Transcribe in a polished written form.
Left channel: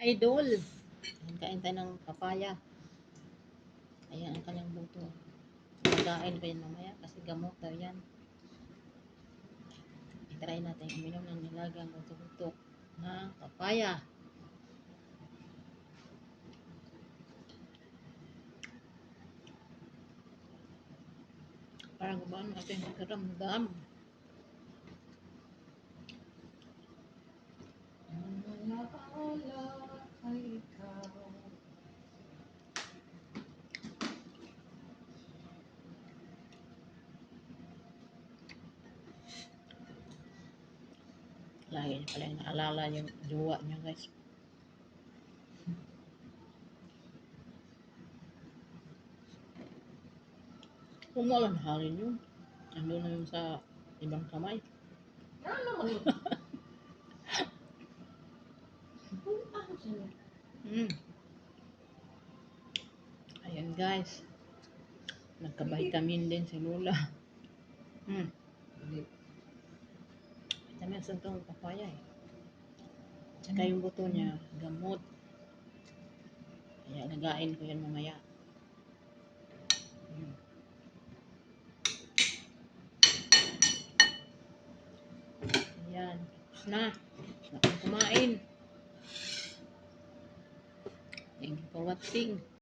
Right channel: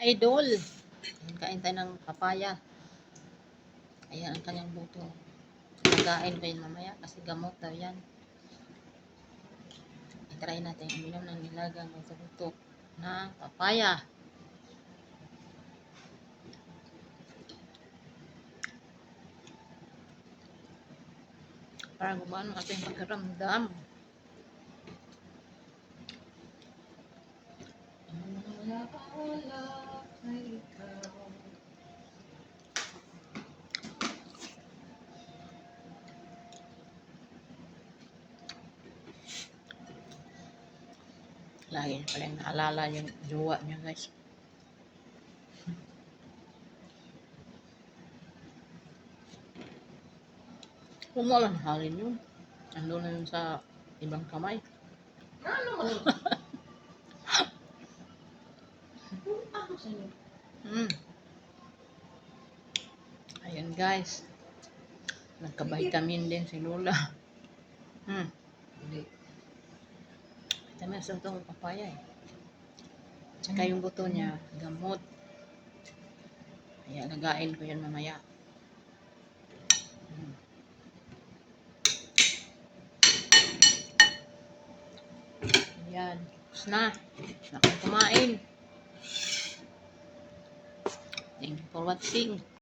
Idol. Ayan, kain tayo ng papaya. Ayan ang kanyang buto. Lagain ko yan mamaya kasi gamot daw yan. I-try natin uminom ng nilagang buto-buto ng papaya. Para gumano ating pakiramdam. Wala kay ikaw. Lagi niya pala yung naalala yung jowa niya, guys. Kung wala na halin yun, ando na yun sa ibang kamay. Ano mo? Ako sa'yo. Ayan, guys. Nagka-vitamin din si Lola. Vitamin sa itong papaya eh. Tsaka yung buto niya, gamot. Kaya lagain ko yan mamaya. Ayan. Tapos na. Tapos na akong kumain. Thank you for watching.